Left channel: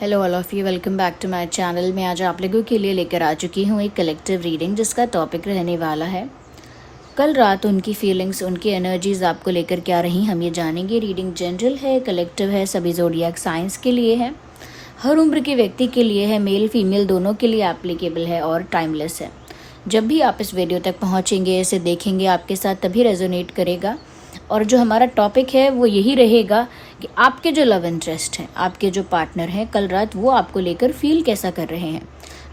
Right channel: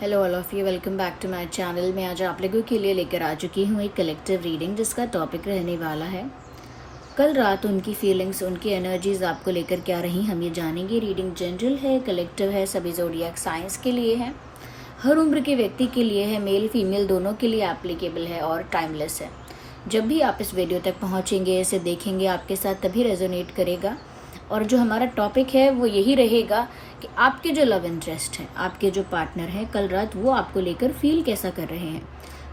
Hello all of you, welcome back to my channel. मैं आज आप लोगों के लिए लेकर आ चुकी हूँ एक कलेक्टिव रीडिंग जिसका टॉपिक रहने वाला है कल रात उनकी फीलिंग्स, उनकी एनर्जीज आपको लेकर क्या रही, हम ये जानेंगे। रीडिंग जनरल है, कलेक्टिव है, सभी ज़ोडिएक साइंस के लिए है, हर उम्र के व्यक्ति के लिए है, मेल फीमेल दोनों के लिए एप्लीकेबल है और टाइमलेस है। जब भी आप इस वीडियो तक पहुँचेंगे, इसे देखेंगे, आपके साथ तभी रेजोनेट करेगा। और जो हमारा टॉपिक है वो यही रहेगा कि आपके जो लव इंटरेस्ट हैं, आपके जो पार्टनर हैं, कल रात वो आपको लेकर फील कैसा कर रहे हैं,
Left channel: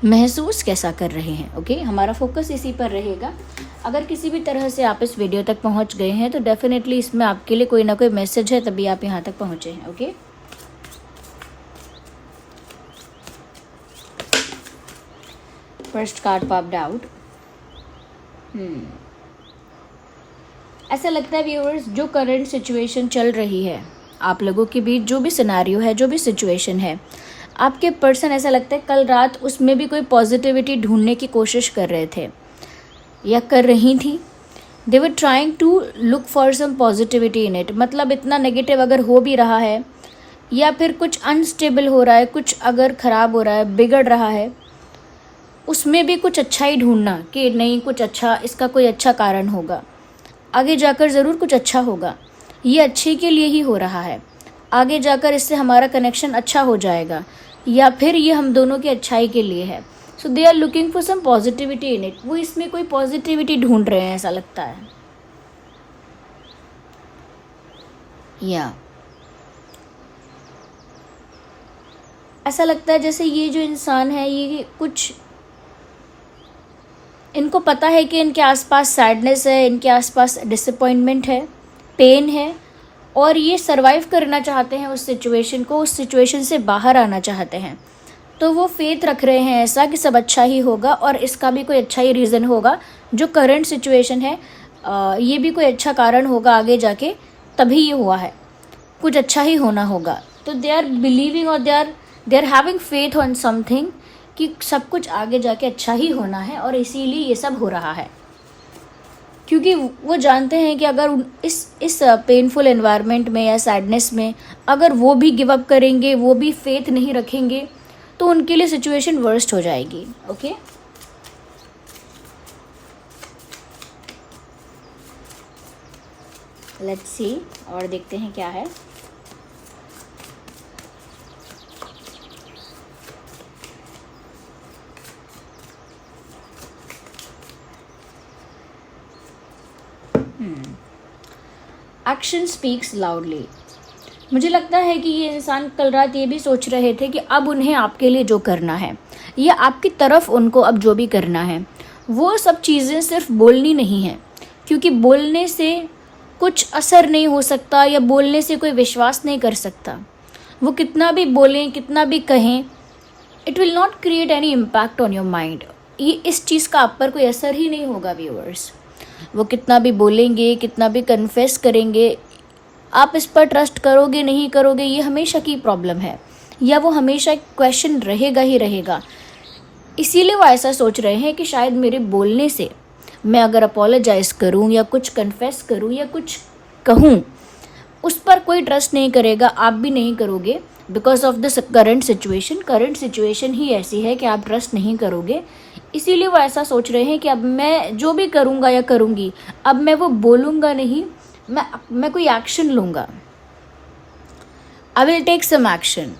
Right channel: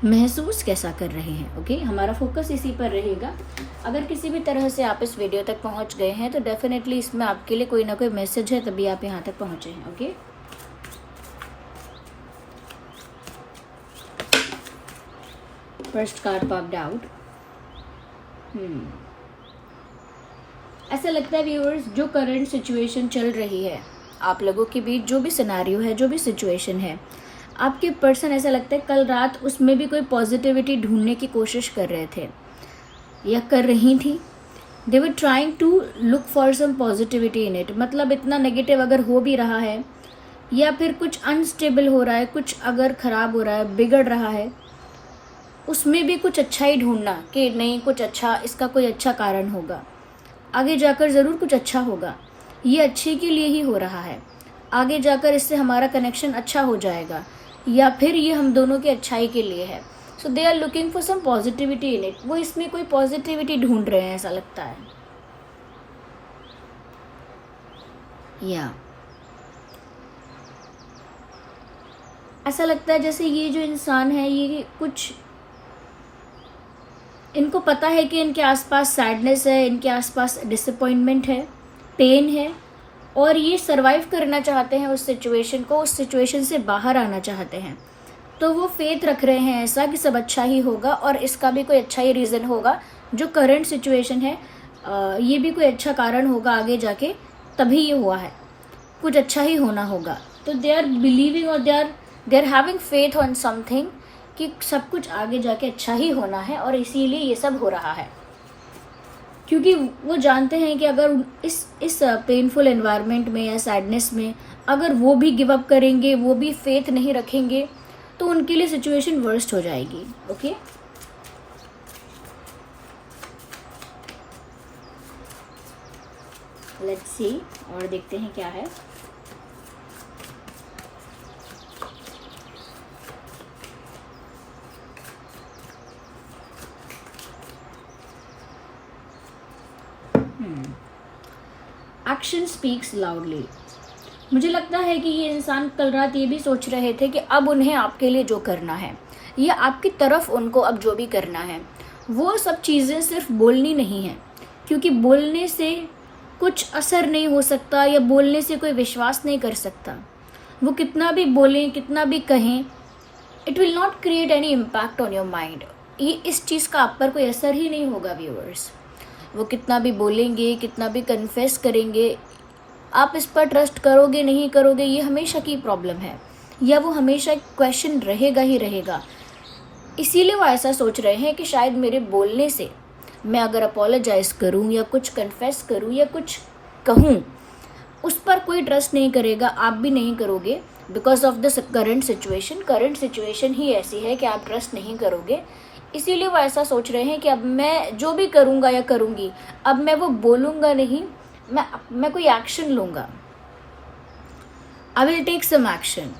महसूस कैसा कर रहे हैं। ओके, हमारा फोकस इसी पर रहेगा। अगर किसी भी तरह से आप इस वीडियो तक पहुंच गए हैं तो डेफिनेटली इसमें आपके लिए कोई ना कोई मैसेज है, तभी आप यहाँ तक पहुंचे हैं। Okay, first card popped out. ऐसा लगता है व्यूअर्स, जो करंट सिचुएशन चल रही है आप लोगों के बीच, जो भी सिनेरियो है, जो भी सिचुएशन है, आपके पर्सन ऐसा लगता है कल रात उसमें भी कोई पॉजिटिविटी ढूंढने की कोशिश कर रहे थे या कर रही थी। They were trying to look for some positivity in it. मतलब इतना नेगेटिव अगर हो भी रहा है या फिर कुछ अनस्टेबल हो रहा है, कुछ अगर ख़राब हो रहा है, बिगड़ रहा है, उसमें भी कुछ अच्छा ही ढूंढना कि नहीं, कुछ अच्छा, इसका कोई अच्छा कारण होगा, आगे जाकर ज़रूर कुछ अच्छा होगा, ये अच्छे के लिए ही हो रहा है, आगे जाकर इससे हमारा कनेक्शन अच्छा हो जाएगा, या फिर ये हम दोनों की अच्छाई के लिए है। So they are looking for some positivity in it. वो इसमें कोई पॉजिटिविटी ढूंढ रहे हैं, ऐसा लगता है। या ऐसा लगता है जैसे ये जो इंसान है, ये कुछ, इनको पता है कि इनके आसपास सैडनेस है, इनके आसपास डिसअपॉइंटमेंट है, पेन है, और ये सरवाइव करना चाहते हैं उस सिचुएशन को, उस सिचुएशन से बाहर आना चाहते हैं। तो वो फेथ रख रहे हैं ऐसा कि सब अच्छा ही होगा और इसका भी कोई अच्छा ही रीज़न होगा। जो करंट सिचुएशन है ये भी कोई अच्छा कारण होगा आगे जाके, तभी ये हुआ है, कुछ अच्छा ही होना होगा। तो दे आर बिलीविंग और they are having faith on something कि सब कुछ आगे जाके अच्छा ही होना है, और इसीलिए ये सब हो रहा है। क्योंकि वो जानते हैं कि अगर इस पेनफुल एनवायरनमेंट में या सैडनेस में अगर वो भी गिव अप करेंगे, वो भी फेथ नहीं रखेंगे, तो उनके लिए सिचुएशन वर्स्ट हो जाएगी। ओके, लेट्स सी, और देखते हैं क्या है। Action speaks loudly. मुझे लगता है कि ये इंसान कल रात ये भी सोच रहे थे कि अब उन्हें आपके लिए जो करना है, या आपकी तरफ उनको अब जो भी करना है, वो सब चीज़ें सिर्फ बोलनी नहीं है, क्योंकि बोलने से कुछ असर नहीं हो सकता या बोलने से कोई विश्वास नहीं कर सकता। वो कितना भी बोलें, कितना भी कहें, it will not create any impact on your mind. ये इस चीज़ का आप पर कोई असर ही नहीं होगा व्यूअर्स। वो कितना भी बोलेंगे, कितना भी कन्फेस करेंगे, आप इस पर ट्रस्ट करोगे नहीं करोगे, ये हमेशा की प्रॉब्लम है, या वो हमेशा क्वेश्चन रहेगा ही रहेगा। इसीलिए वो ऐसा सोच रहे हैं कि शायद मेरे बोलने से, मैं अगर अपोलोजाइज़ करूं या कुछ कन्फेस करूं या कुछ कहूं, उस पर कोई ट्रस्ट नहीं करेगा, आप भी नहीं करोगे, because of this current situation. Current situation ही ऐसी है कि आप ट्रस्ट नहीं करोगे। इसीलिए वो ऐसा सोच रहे हैं कि अब मैं जो भी करूँगा या करूँगी, अब मैं वो बोलूँगा नहीं, मैं कोई एक्शन लूँगा। I will take some action.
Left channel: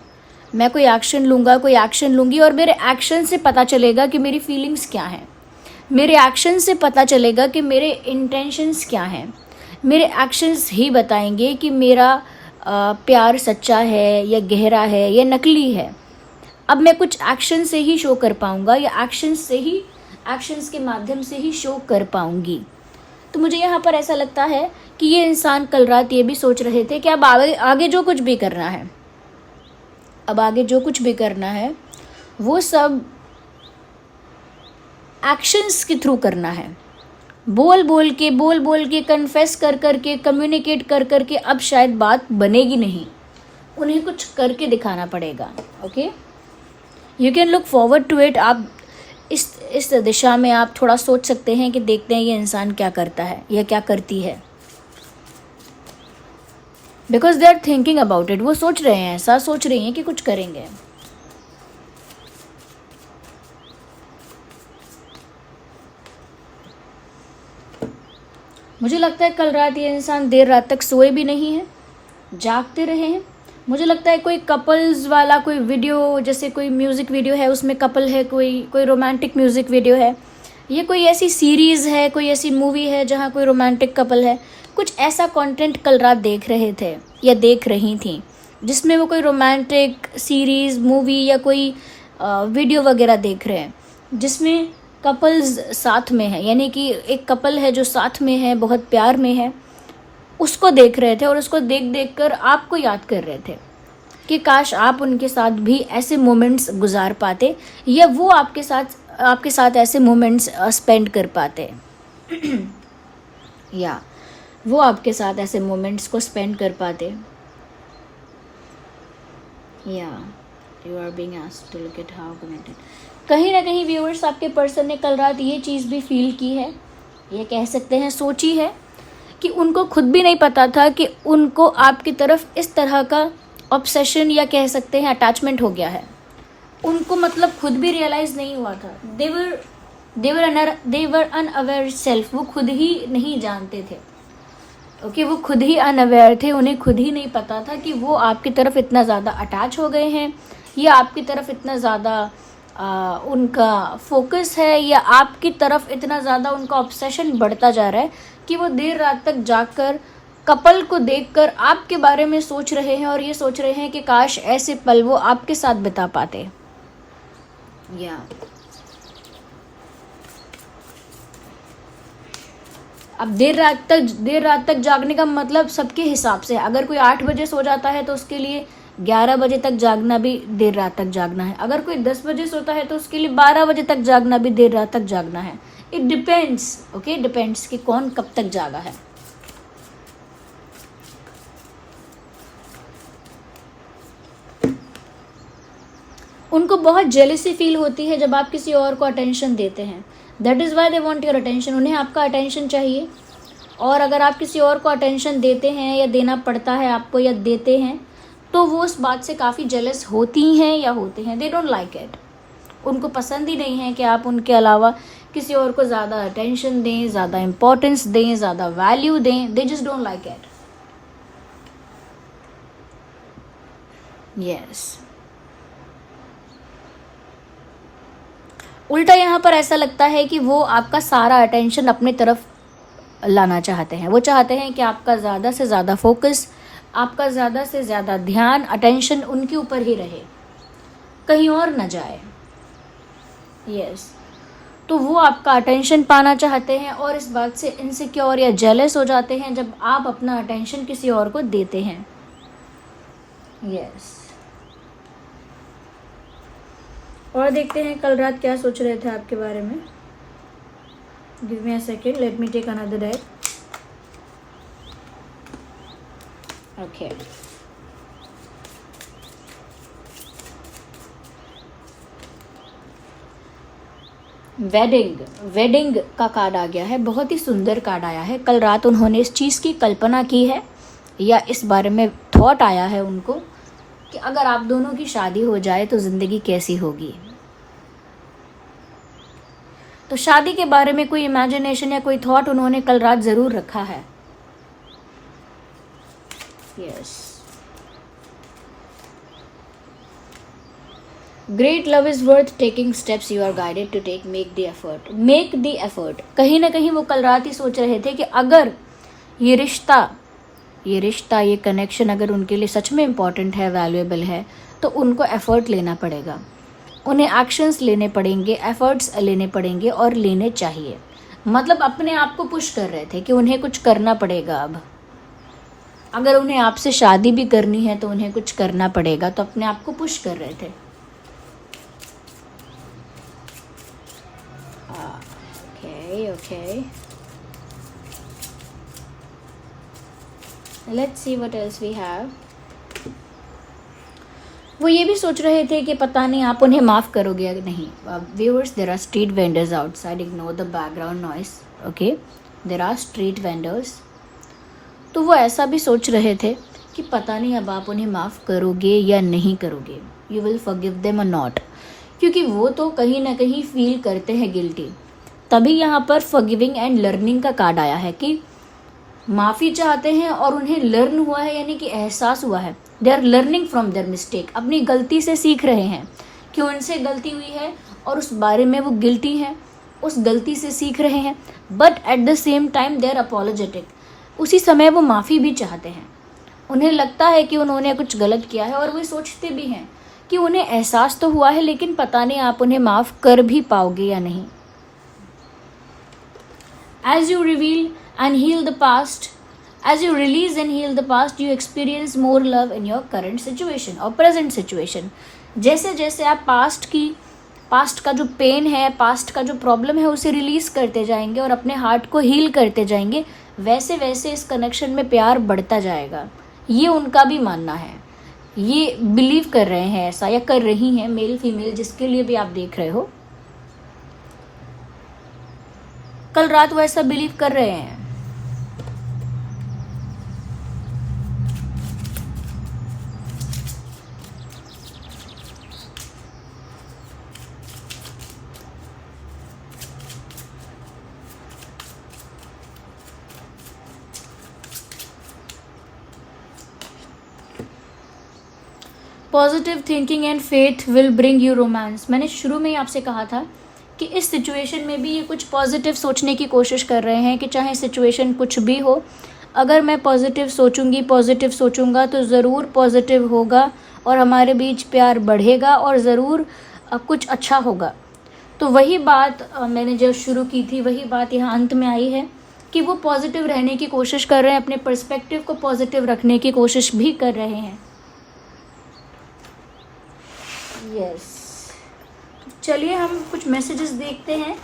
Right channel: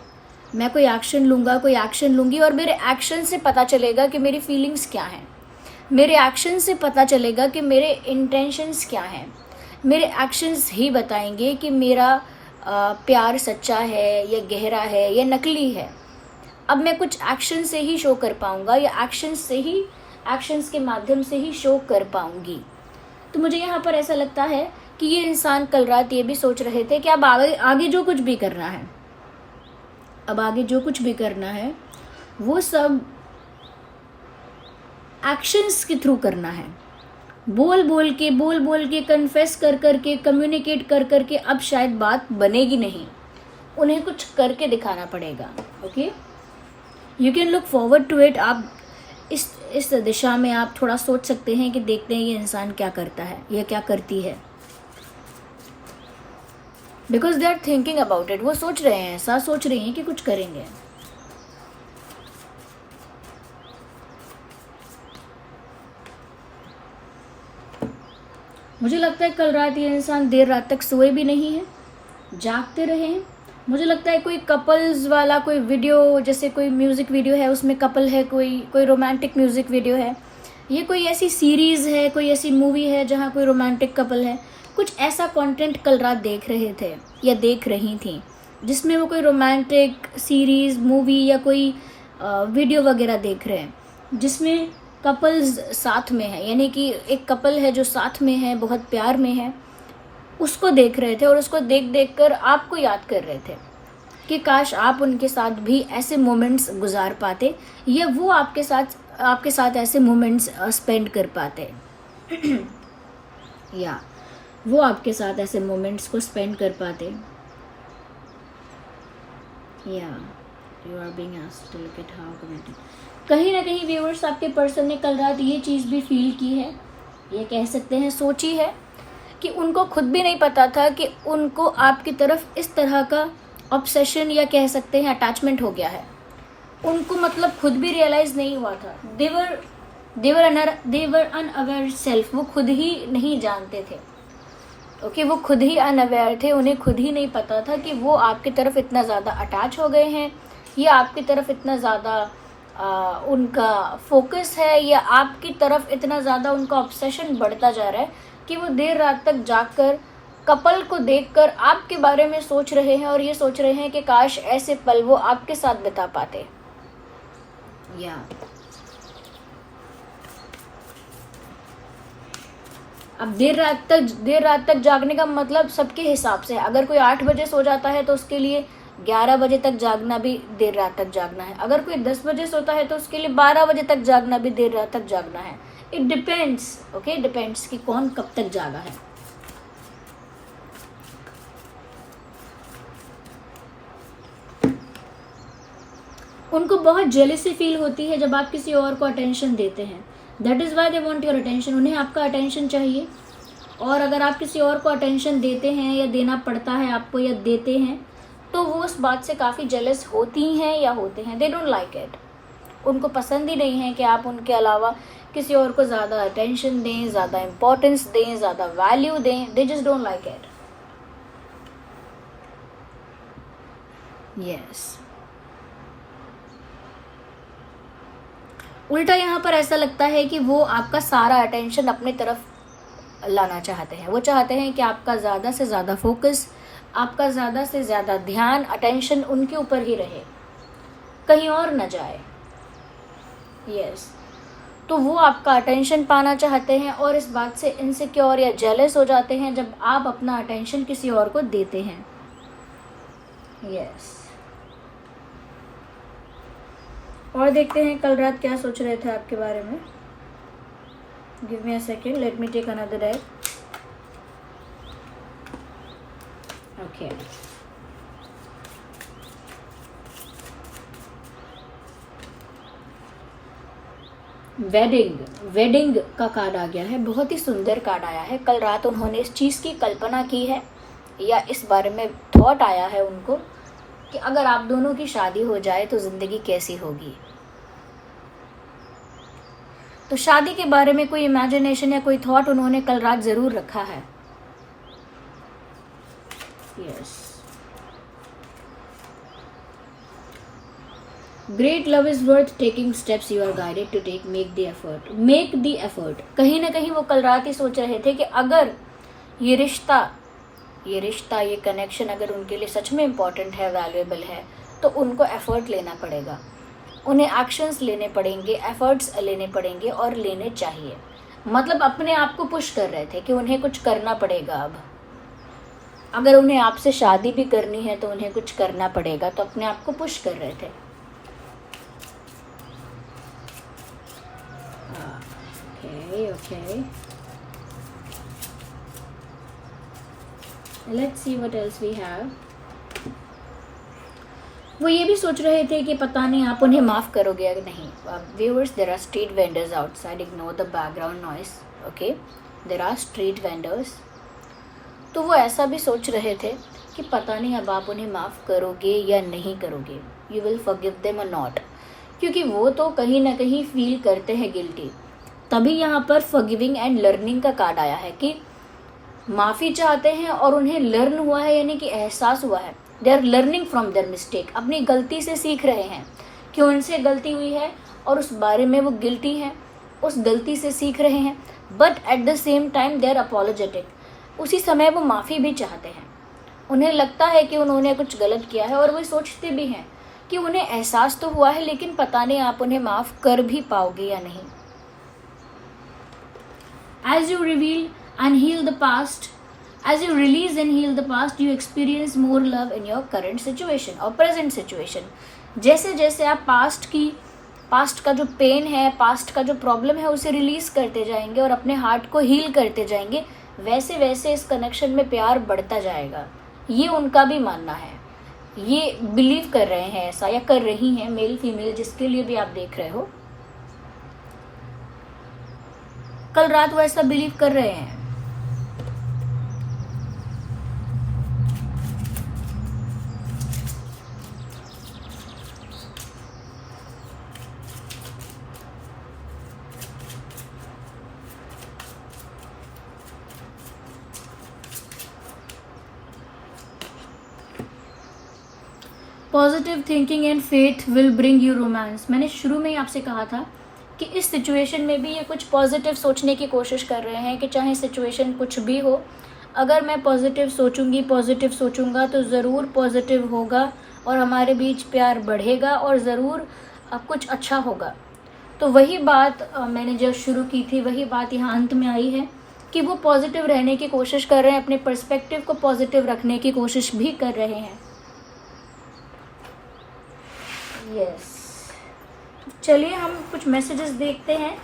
मैं कोई एक्शन लूँगा, कोई एक्शन लूँगी, और मेरे एक्शन से पता चलेगा कि मेरी फीलिंग्स क्या हैं, मेरे एक्शन से पता चलेगा कि मेरे इंटेंशंस क्या हैं। मेरे एक्शंस ही बताएंगे कि मेरा प्यार सच्चा है या गहरा है या नकली है। अब मैं कुछ एक्शन से ही शो कर पाऊँगा, या एक्शंस के माध्यम से ही शो कर पाऊँगी। तो मुझे यहाँ पर ऐसा लगता है कि ये इंसान कल रात ये भी सोच रहे थे कि अब आगे जो कुछ भी करना है, अब आगे जो कुछ भी करना है वो सब एक्शंस के थ्रू करना है। बोल बोल के कन्फेस कर के, कम्युनिकेट कर के अब शायद बात बनेगी नहीं, उन्हें कुछ करके दिखाना पड़ेगा। Okay, you can look forward to it. आप इस दिशा में आप थोड़ा सोच सकते हैं कि देखते हैं ये इंसान क्या करता है या क्या करती है। Because they are thinking about it. वो सोच रहे हैं, ऐसा सोच रही हैं कि कुछ करेंगे। मुझे लगता है कल रात ये इंसान देर रात तक सोए भी नहीं है, जागते रहे हैं। मुझे लगता है कोई कपल्स वाला कोई वीडियो, जैसे कोई म्यूज़िक वीडियो है उसमें कपल है, कोई रोमांटिक म्यूज़िक वीडियो है, ये कोई ऐसी सीरीज़ है, कोई ऐसी मूवी है जहाँ कोई रोमांटिक कपल है, कुछ ऐसा कंटेंट कल रात देख रहे थे या देख रही थी जिसमें वो कोई रोमांटिक सीरीज़, मूवी या कोई वीडियो वगैरह देख रहे हैं जिसमें कपल्स साथ में है, यानी कि एक कपल है जो साथ में है, बहुत प्यार में है, उसको देख रहे थे और उसको देख देख कर आपको याद कर रहे थे कि काश आप उनके साथ भी ऐसे मोमेंट्स गुजार पाते या वो आपके साथ ऐसे मोमेंट्स स्पेंड कर पाते या वो आपके साथ ऐसे मोमेंट्स को स्पेंड कर पाते। या you are being asked to look at how connected. कहीं ना कहीं व्यूअर्स आपके पर्सन ने कल रात ये चीज़ भी फील की है, ये कह सकते हैं सोची है, कि उनको खुद भी नहीं पता था कि उनको आपकी तरफ इस तरह का ऑब्सेशन या कह सकते हैं अटैचमेंट हो गया है। उनको मतलब खुद भी रियलाइज़ नहीं हुआ था। दे वर अनअवेयर सेल्फ, वो खुद ही नहीं जानते थे। ओके, वो खुद ही अनअवेयर थे, उन्हें खुद ही नहीं पता था कि वो आपकी तरफ इतना ज़्यादा अटैच हो गए हैं या आपकी तरफ इतना ज़्यादा उनका फोकस है या आपकी तरफ इतना ज़्यादा उनका ऑब्सेशन बढ़ता जा रहा है कि वो देर रात तक जागकर कपल को देखकर आपके बारे में सोच रहे हैं और ये सोच रहे हैं कि काश ऐसे पल वो आपके साथ बिता पाते। या अब देर रात तक जागने का मतलब सबके हिसाब से है। अगर कोई 8 बजे सो जाता है तो उसके लिए 11 बजे तक जागना भी देर रात तक जागना है। अगर कोई 10 बजे सोता है तो उसके लिए 12 बजे तक जागना भी देर रात तक जागना है। इट डिपेंड्स, ओके, डिपेंड्स कि कौन कब तक जागा है। उनको बहुत जेलसी फील होती है जब आप किसी और को अटेंशन देते हैं। That is why they want your attention. उन्हें आपका अटेंशन चाहिए, और अगर आप किसी और को अटेंशन देते हैं या देना पड़ता है आपको या देते हैं तो वो उस बात से काफ़ी जेलस होती हैं या होते हैं। They don't like it. उनको पसंद ही नहीं है कि आप उनके अलावा किसी और को ज़्यादा अटेंशन दें, ज़्यादा इम्पोर्टेंस दें, ज़्यादा वैल्यू दें। They just don't like it. Yes, उल्टा यहाँ पर ऐसा लगता है कि वो आपका सारा अटेंशन अपनी तरफ लाना चाहते हैं। वो चाहते हैं कि आपका ज़्यादा से ज़्यादा फोकस, आपका ज़्यादा से ज़्यादा ध्यान, अटेंशन उनके ऊपर ही रहे, कहीं और न जाए। यस, तो वो आपका अटेंशन पाना चाहते हैं और इस बात से इनसिक्योर या जेलस हो जाते हैं जब आप अपना अटेंशन किसी और को देते हैं। यस, और देखते हैं कल रात क्या सोच रहे थे आपके बारे में। Give me a second, let me take another deck. Okay, wedding का कार्ड आ गया है। बहुत ही सुंदर कार्ड आया है। कल रात उन्होंने इस चीज़ की कल्पना की है या इस बारे में थॉट आया है उनको कि अगर आप दोनों की शादी हो जाए तो ज़िंदगी कैसी होगी। तो शादी के बारे में कोई इमेजिनेशन या कोई थॉट उन्होंने कल रात ज़रूर रखा है। Yes, great love is worth taking steps you are guided to take. Make the effort. कहीं ना कहीं वो कल रात ही सोच रहे थे कि अगर ये रिश्ता, ये कनेक्शन अगर उनके लिए सच में इम्पॉर्टेंट है, वैल्यूएबल है, तो उनको एफर्ट लेना पड़ेगा, उन्हें एक्शंस लेने पड़ेंगे, एफर्ट्स लेने पड़ेंगे और लेने चाहिए। मतलब अपने आप को पुश कर रहे थे कि उन्हें कुछ करना पड़ेगा। अब अगर उन्हें आपसे शादी भी करनी है तो उन्हें कुछ करना पड़ेगा, तो अपने आप को पुश कर रहे थे। Okay. Let's see what else we have. वो ये भी सोच रहे थे कि पता नहीं आप उन्हें माफ़ करोगे या नहीं। Viewers, there are street vendors outside, ignore the background noise. Okay, there are street vendors. तो वो ऐसा भी सोच रहे थे कि पता नहीं अब आप उन्हें माफ़ करोगे या नहीं करोगे। यू विल फॉरगिव देम और नॉट, क्योंकि वो तो कहीं ना कहीं फील करते हैं गिल्टी। तभी यहाँ पर फॉरगिविंग एंड लर्निंग का कार्ड आया है कि माफ़ी चाहते हैं और उन्हें लर्न हुआ है, यानी कि एहसास हुआ है, they are learning from their mistake, अपनी गलती से सीख रहे हैं कि उनसे गलती हुई है और उस बारे में वो गिल्टी हैं, उस गलती से सीख रहे हैं, but at the same time they are apologetic, उसी समय वो माफ़ी भी चाहते हैं। उन्हें लगता है कि उन्होंने कुछ गलत किया है और वो सोचते भी हैं कि उन्हें एहसास तो हुआ है, लेकिन पता नहीं आप उन्हें माफ़ कर भी पाओगे या नहीं। As you reveal and heal the past, as you release and heal the past, you experience more love in your current situation or present situation. जैसे जैसे आप पास्ट का जो पेन है, पास्ट का जो प्रॉब्लम है, उसे रिलीज करते जाएंगे और अपने हार्ट को हील करते जाएंगे, वैसे वैसे इस कनेक्शन में प्यार बढ़ता जाएगा। ये उनका भी मानना है, ये बिलीव कर रहे हैं ऐसा, या कर रही हैं, मेल फीमेल जिसके लिए भी आप देख रहे हो, कल रात वो ऐसा बिलीव कर रहे हैं। Positive thinking and faith will bring you romance. मैंने शुरू में ही आपसे कहा था कि इस सिचुएशन में भी ये कुछ पॉजिटिव सोचने की कोशिश कर रहे हैं कि चाहे सिचुएशन कुछ भी हो, अगर मैं पॉजिटिव सोचूंगा तो ज़रूर पॉजिटिव होगा और हमारे बीच प्यार बढ़ेगा और ज़रूर कुछ अच्छा होगा। तो वही बात मैंने जो शुरू की थी, वही बात यहाँ अंत में आई है कि वो पॉजिटिव रहने की कोशिश कर रहे हैं, अपने पर्सपेक्टिव को पॉजिटिव रखने की कोशिश भी कर रहे हैं। यस, चलिए हम कुछ मैसेजेस देखते हैं,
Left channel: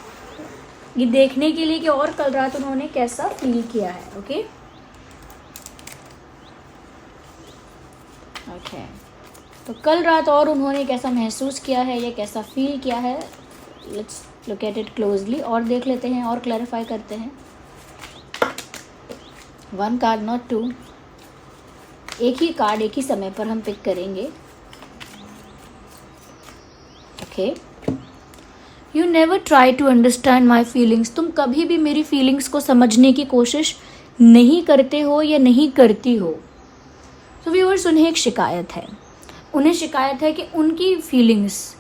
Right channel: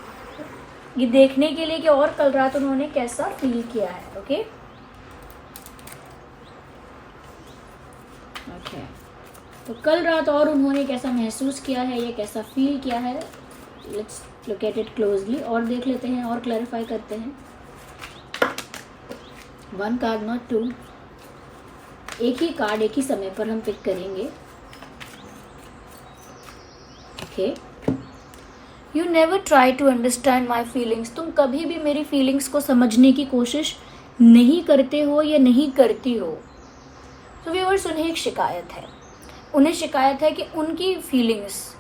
ये देखने के लिए कि और कल रात उन्होंने कैसा फील किया है। ओके तो कल रात और उन्होंने कैसा महसूस किया है, ये कैसा फील किया है, let's look at it closely और देख लेते हैं और क्लैरिफाई करते हैं। 1 कार्ड नॉट 2, एक ही कार्ड एक ही समय पर हम पिक करेंगे। Okay, you never try to understand my feelings, तुम कभी भी मेरी फीलिंग्स को समझने की कोशिश नहीं करते हो या नहीं करती हो। तो व्यूअर्स, उन्हें एक शिकायत है, उन्हें शिकायत है कि उनकी फीलिंग्स,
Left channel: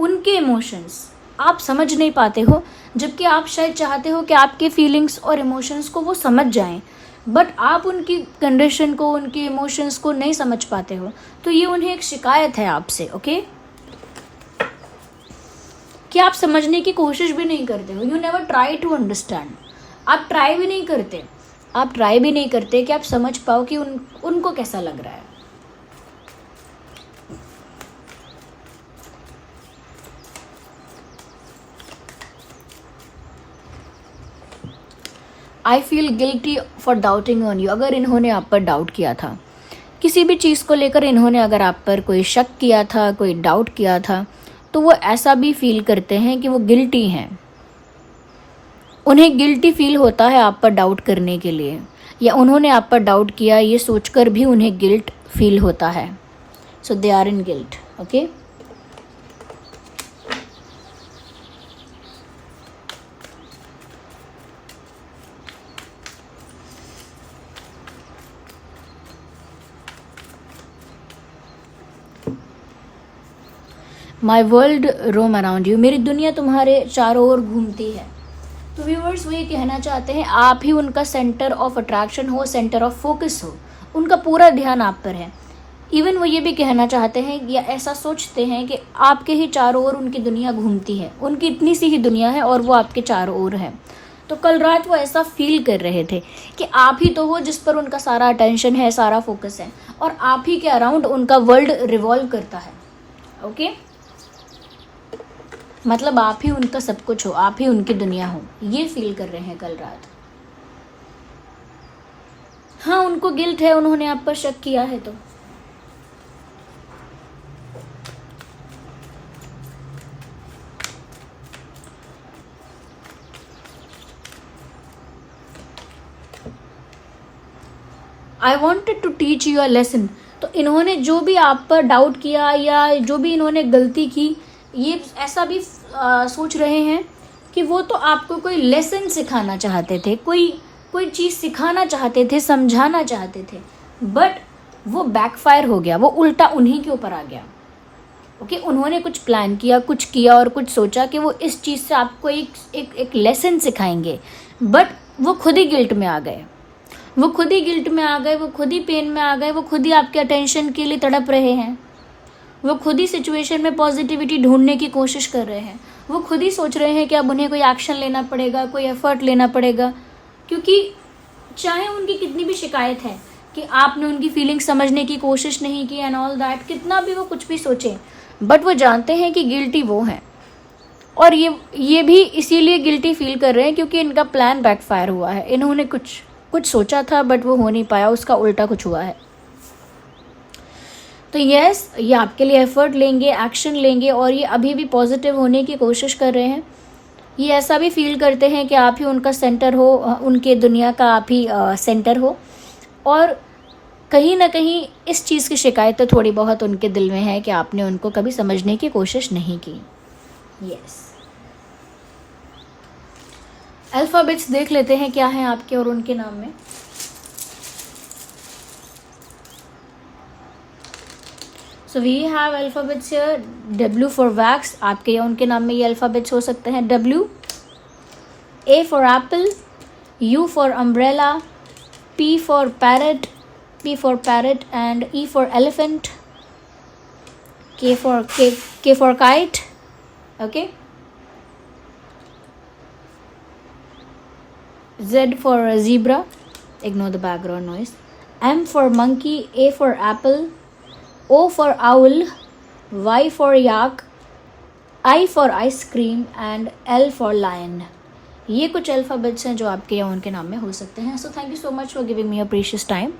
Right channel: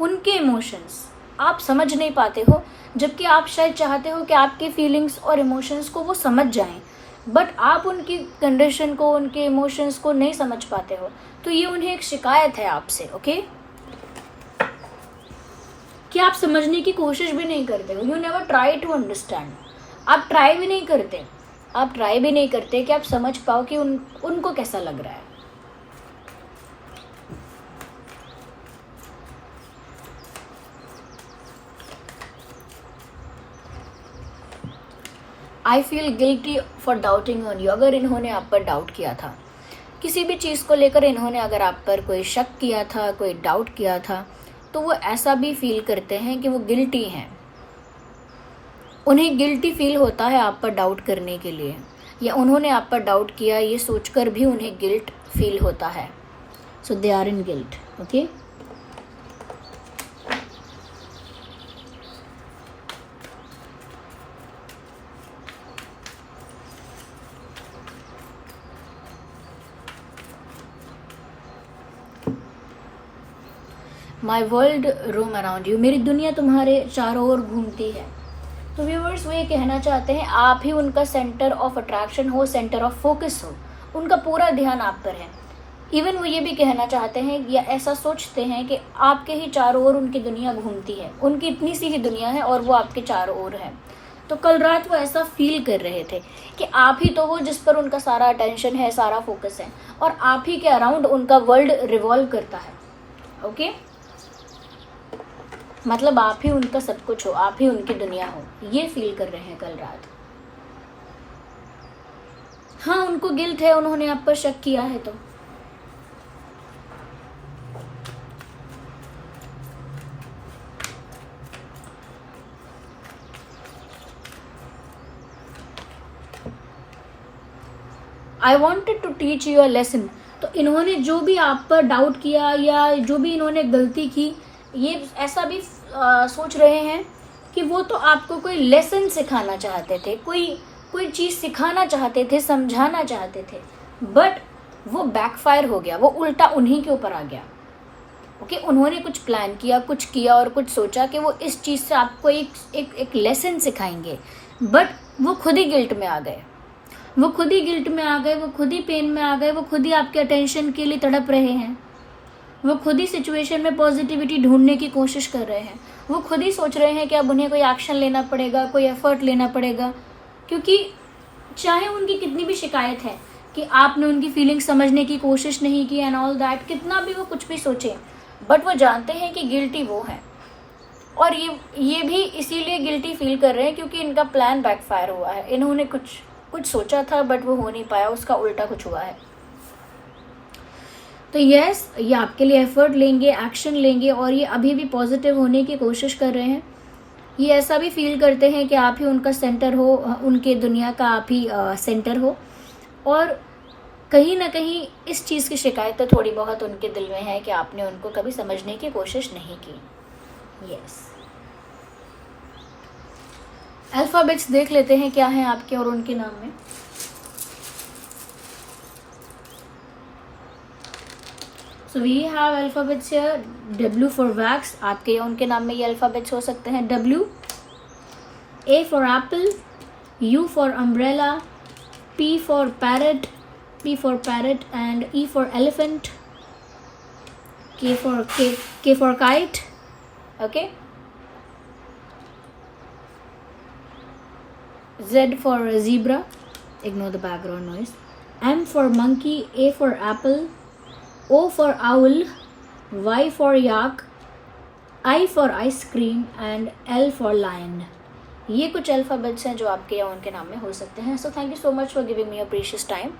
उनके इमोशंस आप समझ नहीं पाते हो, जबकि आप शायद चाहते हो कि आपके फीलिंग्स और इमोशंस को वो समझ जाएं, बट आप उनकी कंडीशन को, उनके इमोशंस को नहीं समझ पाते हो। तो ये उन्हें एक शिकायत है आपसे। ओके, कि आप समझने की कोशिश भी नहीं करते हो। You never try to understand, आप ट्राई भी नहीं करते, आप ट्राई भी नहीं करते कि आप समझ पाओ कि उनको कैसा लग रहा है। I feel guilty for doubting on you, अगर इन्होंने आप पर डाउट किया था, किसी भी चीज़ को लेकर इन्होंने अगर आप पर कोई शक किया था, कोई डाउट किया था, तो वो ऐसा भी फील करते हैं कि वो गिल्टी हैं, उन्हें गिल्टी फील होता है आप पर डाउट करने के लिए, या उन्होंने आप पर डाउट किया ये सोचकर भी उन्हें गिल्ट फील होता है। So they are in guilt. Okay, my world roam around you, मेरी दुनिया तुम्हारे चारों ओर घूमती है। तो व्यूअर्स, वो ये कहना चाहते हैं आप ही उनका सेंटर ऑफ अट्रैक्शन हो, सेंटर ऑफ फोकस हो, उनका पूरा ध्यान आप पर है। इवन वो ये भी कहना चाहते हैं या ऐसा सोचते हैं कि आपके ही चारों ओर उनकी दुनिया घूमती है, उनकी इतनी सी ही दुनिया है और वो आपके चारों ओर है। तो कल रात वो ऐसा फील कर रहे थे कि आप ही तो हो जिस पर उनका सारा अटेंशन है, सारा फोकस है, और आप ही के अराउंड उनका वर्ल्ड रिवॉल्व करता है। ओके, मतलब आप ही उनका सब कुछ हो, आप ही उनकी दुनिया हो, ये फील कर रहे हैं कल रात। हाँ, उनको गिल्ट है, उन्होंने आप पर शक किया है। तो I wanted to teach you a lesson, तो इन्होंने जो भी आप पर डाउट किया या जो भी इन्होंने गलती की, ये ऐसा भी सोच रहे हैं कि वो तो आपको कोई लेसन सिखाना चाहते थे, कोई कोई चीज़ सिखाना चाहते थे, समझाना चाहते थे, बट वो बैकफायर हो गया, वो उल्टा उन्हीं के ऊपर आ गया। ओके, उन्होंने कुछ प्लान किया, कुछ किया और कुछ सोचा कि वो इस चीज़ से आपको एक लेसन सिखाएंगे, बट वो खुद ही गिल्ट में आ गए, वो खुद ही गिल्ट में आ गए, वो खुद ही पेन में आ गए, वो खुद ही आपके अटेंशन के लिए तड़प रहे हैं, वो खुद ही सिचुएशन में पॉजिटिविटी ढूंढने की कोशिश कर रहे हैं, वो खुद ही सोच रहे हैं कि अब उन्हें कोई एक्शन लेना पड़ेगा, कोई एफर्ट लेना पड़ेगा, क्योंकि चाहे उनकी कितनी भी शिकायत है कि आपने उनकी फीलिंग समझने की कोशिश नहीं की एंड ऑल दैट, कितना भी वो कुछ भी सोचे, बट वो जानते हैं कि गिल्टी वो है, और ये भी इसीलिए गिल्टी फील कर रहे हैं क्योंकि इनका प्लान बैकफायर हुआ है। इन्होंने कुछ सोचा था बट वो हो नहीं पाया, उसका उल्टा कुछ हुआ है। तो यस, ये आपके लिए एफर्ट लेंगे, एक्शन लेंगे, और ये अभी भी पॉजिटिव होने की कोशिश कर रहे हैं। ये ऐसा भी फील करते हैं कि आप ही उनका सेंटर हो, उनके दुनिया का आप ही सेंटर हो, और कहीं ना कहीं इस चीज़ की शिकायत तो थोड़ी बहुत उनके दिल में है कि आपने उनको कभी समझने की कोशिश नहीं की। यस, अल्फ़ाबेट्स देख लेते हैं क्या हैं आपके और उनके नाम में। So we have alphabets here, W for wax, आपके या उनके नाम में ये अल्फ़ाबेट्स हो सकते हैं। W, A for Apple, U for umbrella, P for parrot, and E for elephant, K for kite, okay, Z for zebra, ignore the background noise, M for monkey, A for apple, O for owl, Y for yak, I for ice cream, and L for lion. ये कुछ alphabets हैं जो आपके या उनके नाम में हो सकते हैं। So thank you so much for giving me your precious time.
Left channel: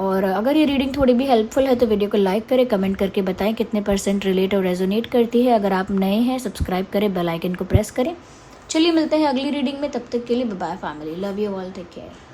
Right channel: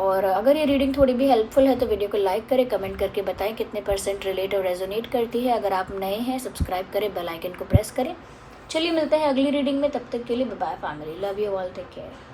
और अगर ये रीडिंग थोड़ी भी हेल्पफुल है तो वीडियो को लाइक करें, कमेंट करके बताएं कितने % रिलेट और रेजोनेट करती है। अगर आप नए हैं सब्सक्राइब करें, बेल आइकन को प्रेस करें। चलिए मिलते हैं अगली रीडिंग में, तब तक के लिए bye bye family, love you all, take care.